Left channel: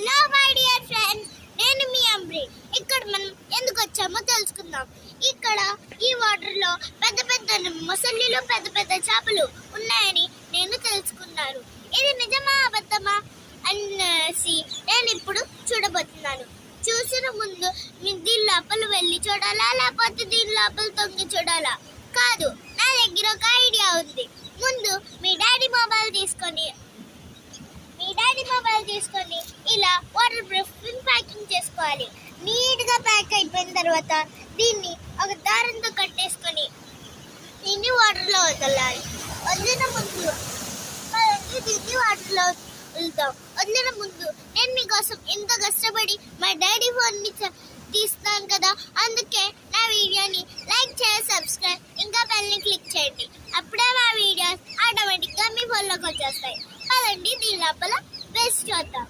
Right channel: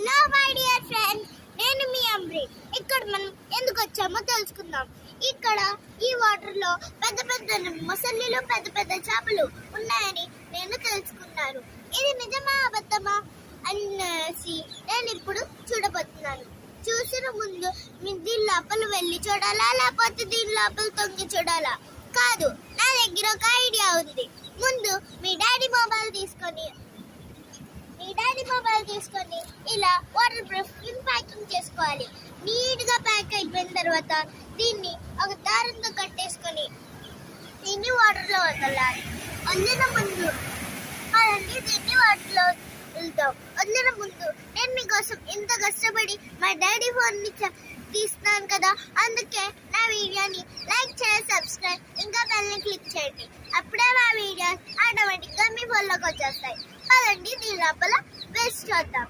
Hello my dear friends, నేను మీ అమ్రి. ఇక్కడ మనం ఎందుకు వచ్చామో తెలుసుకుందాం. ఇక్కడ ఈ వాటర్ లో పెద్ద పెద్ద మొసళ్ళు, పెద్ద పెద్ద చేపలు ఉన్నాయని నేను తెలుసుకున్నాను. ఇది నిజమా అబద్ధమా అనేసి నేను ఇప్పుడు చూడబోతున్నాను. చూసిన ముందు దీని లోపల వెళ్ళి చూడాలా, లేకపోతే దీని లోపల తొంగి చూడాలా? కాదు, నా దగ్గర ఒక ఐడియా ఉంది. ముందు మీ డాడీ మొబైల్ తీసుకొని ఇలా వాటర్ ప్రూఫ్ ప్యాకింగ్ చేసుకోవాలి. నీట్ గా ప్యాక్ అయిపోయిన తర్వాత దీన్ని ఒక దారంతో కట్టేసుకొని దీన్ని వాటర్ లో వదలాలి. వదిలిన ముందు దీన్ని వాటర్ లో వదిలిన ముందు నేను మీకోసం ఇంత కష్టపడి మా డాడీ ఫోన్ ని తీస్తున్నాను కదా, అందుకే నా వీడియోని లైక్ చేసి సబ్స్క్రైబ్ ఇంకా బెల్ ని క్లిక్ చేయండి. అప్పుడే మా వీడియోస్ ఆటోమేటిక్ గా మీ ఫోన్లోకి వచ్చేస్తాయి. పదండి దీని లోపల వేస్ట్ చేద్దాం.